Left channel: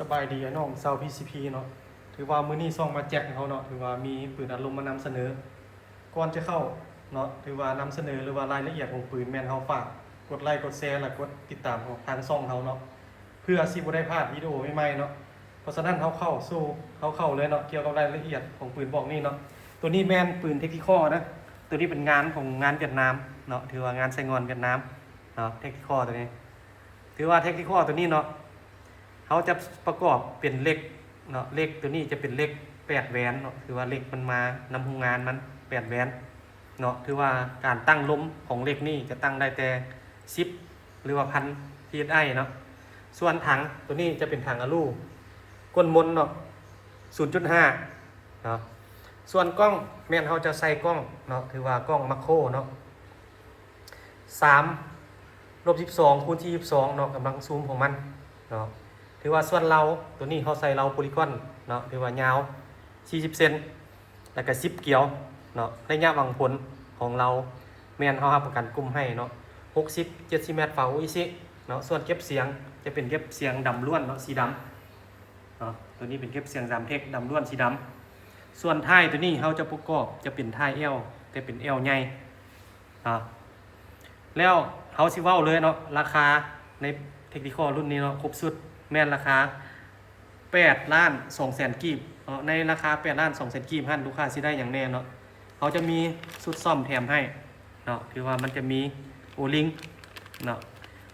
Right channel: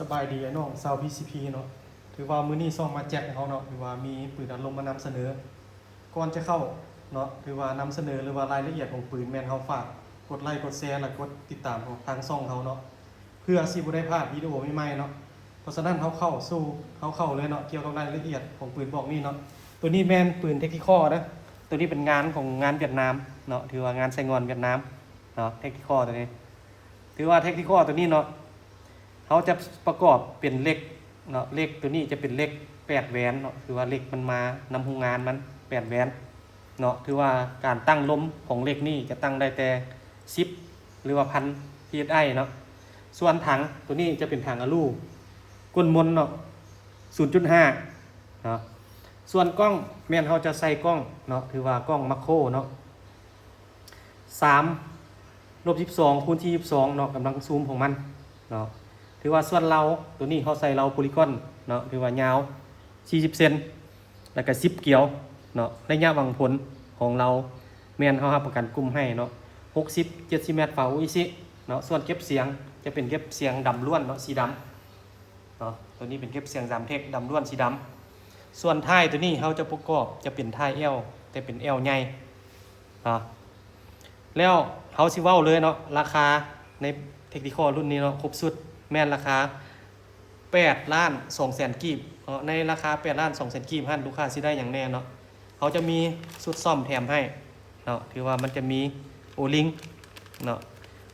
สบายดีน้องชาว PCP เนาะถือว่ามื้อนี้ซ่องมาแจกเขาเนาะถือว่ามีปืนอัดลมมานำเสนอก่อนจะเข้าเนาะถือว่านำเสนอหรือว่ารายละเอียดของปืนแม่นเฮาฝากกดไลค์กดแชร์และกดติดตามของทางช่องเฮาเนาะเพื่อสิบ่ได้พลาดวิดีโอใหม่ๆเนาะเพราะฉะนั้นเข้าเลยเนาะเกี่ยวกับรายละเอียดของปืนพวกนี้เนาะตัวนี้แม่นปืนเทคนิคอลนะตัวนี้เป็นงานของงานเวียดนามเนาะถือว่างานไซงอนเวียดนามเนาะเทคนิคอลตัวนี้ถือว่าเทคนิคอลตัวนี้เนาะเขาจะประกอบเป็นเหล็กเนาะเหล็กตัวนี้จะเป็นเหล็ก8 แหวนเนาะถือว่าเหล็กมันมานำโรงงานมัน8 แหวนเนาะถือว่าการตั้งลมของเหล็กนี่จะตั้งได้แต่10หรือว่า1,000 psi เนาะส่วนถังตัวนี้จะเป็นถังอลูก้นมนเนาะ 0.5 เนาะส่วนกล้องแม่นเขาจะใส่กล้องเนาะถือว่ากล้องมาโครเนาะ3/22x22เนาะกำลังซูมของมันเนาะถือว่าส่วนเราตัวนี้เขาใส่เราโพลีกอนเนาะถือว่ายาว40 เซนแล้วก็10 เกี่ยวเนาะระยะวางผลของเราแม่นเขารับประกันกลุ่มให้เนาะ60-70 เมตรฝาอุยซิเนาะส่วนเก็บเสียงจะเป็นเก็บเสียงดำล้วนเนาะสีดำเนาะตัวนี้เป็นเก็บเสียงดำเทคดำล้วนสีดำส่วนท้ายตัวนี้เขาจะประกอบจะเป็นท้าย L แต่เป็น L ใหญ่เนาะแล้วเขาสิเว้าเลยเนาะราคาในเทคนิคอลรุ่นนี้เนาะครบสุดแม่นราคา8,200,000 กีบในราคา8,200,000 กีบลูกค้าสิได้อย่างแน่เนาะเขาจะมีชุดซ่อมแถมให้เนาะคือว่ามันจะมีโอลิงเนาะ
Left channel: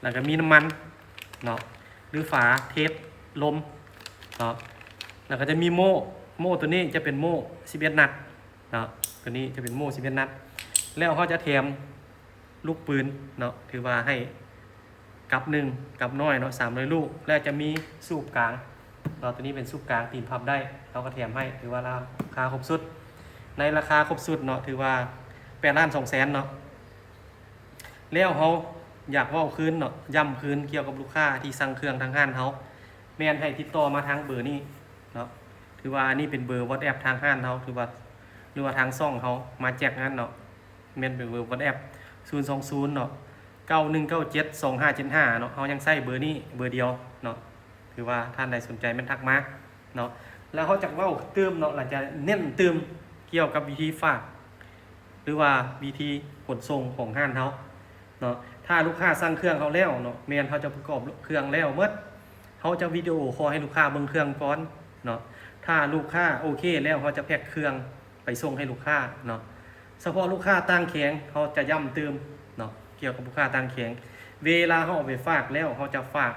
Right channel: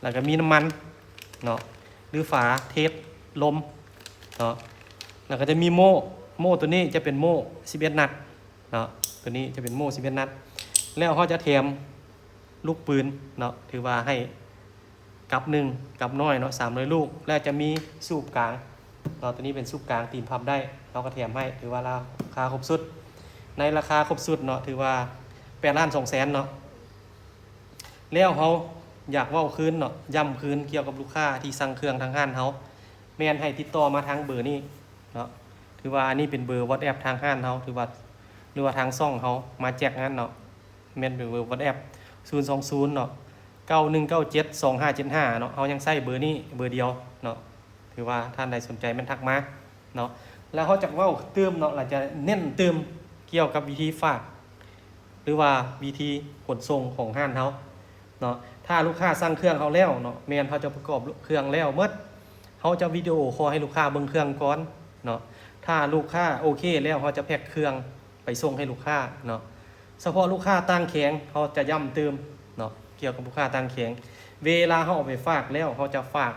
แล้วก็มีน้ำมันเนาะหรือฝาเทสลมเนาะแล้วก็จะมีโม่ตัวนี้จะเป็นโม่11 นัดเนาะตัวนี้จะเป็นโม่11 นัดแล้วเขาจะแถมลูกปืนเนาะถือว่าให้กับ1กับน้อยเนาะ300 ลูกแล้วจะมีสูบกลางเนาะตัวนี้เป็นสูบกลางตีนพับได้เราก็แถมให้ถือว่าราคาครบสุดในราคาครบสุดเนาะถือว่า8,200,000เนาะแล้วเขาอยากว่าคืนเนาะย้ำคืนเกี่ยวกับลูกค้าที่สั่งเครื่องทางห้านเขาแม่นให้ติดต่อมาทางเบอร์นี้เนาะถือว่านี่เป็นเบอร์ WhatsApp ทางห้านเขาถือว่าหรือว่าทางซ่องเขามาแจกงานเนาะแม่นเป็นเบอร์ WhatsApp 020เนาะ91972575เนาะเขายังใช้เบอร์นี้เบอร์เดียวเนาะถือว่าท่านใดสนใจมันทักมาเนาะแล้วเขาจะเว้าเติมเนาะหลังจะเน้นเติมเกี่ยวกับวิธีฝากหรือว่าวิธีขนส่งของห้านเขาเนาะถ้าลูกค้าสั่งเครื่องเขาแล้วเนาะแม่นเขาจะประกอบเครื่องแล้วเมื่อเขาจะวิดีโอคอลให้ลูกค้าเบิ่งเครื่องก่อนเนาะถ้าลูกค้าโอเคแล้วเขาจะแพ็คเครื่องไปส่งให้ลูกค้าเนาะเฉพาะลูกค้าตั้งแข็งเขาจะย้ำเติมเนาะเกี่ยวกับลูกค้าตั้งแข็งเวลาเขาเอาไปฝากแล้วเขาจะฝาก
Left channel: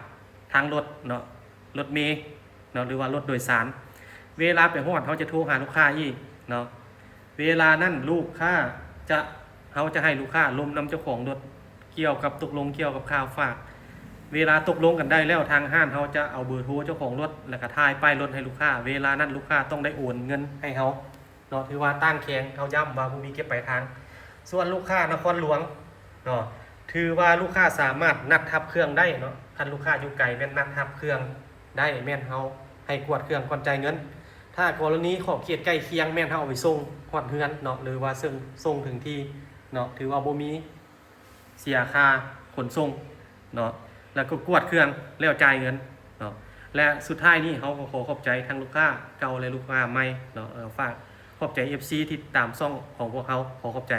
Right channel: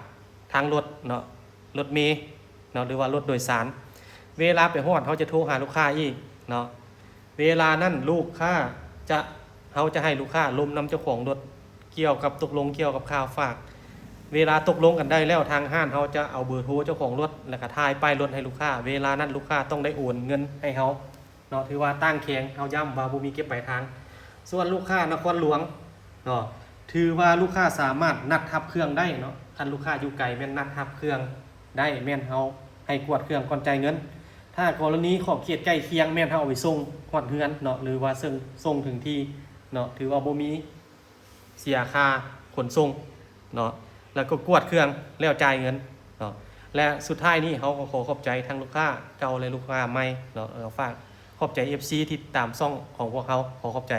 ทางรถเนาะรถเมล์เนาะหรือว่ารถโดยสารเวลาไปฮอดเขาจะโทรหาลูกค้าอีกเนาะเวลานั้นลูกค้าเขาจะให้ลูกค้าลมนำเจ้าของรถเกี่ยวกับตกลงเกี่ยวกับค่าฝากเวลาตกลงกันได้แล้วทางห้างเขาจะเอาเบอร์โทรเจ้าของรถแล้วก็ถ่ายป้ายรถให้ลูกค้าเวลานั้นลูกค้าต้องได้โอนเงินให้เขาเนาะถือว่าตั้งแข็งเขาย้ำว่าบ่มีเก็บปลายทางส่วนลูกค้านครหลวงเนาะถือว่าลูกค้าสามารถนัดทับเครื่องได้เนาะคันลูกค้าอยู่ไกลแม่นนัดทับเครื่องได้แม่นเฮาให้กวดเครื่องก่อนจ่ายเงินถ้ากรณีขอบเขตใกล้เคียงแม่นเฮาเอาไปส่งฮอดเฮือนเนาะหรือว่าส่งถึงที่เนาะถือว่าบ่มีเสียค่าขนส่งเนาะแล้วก็กวดเครื่องแล้วจ่ายเงินเนาะและสุดท้ายนี้เขาก็ขอขอบใจทั้งลูกค้าเก่าและลูกค้าใหม่เนาะฝากขอบใจ FC ที่ตามช่องของพวกเขาขอขอบใจ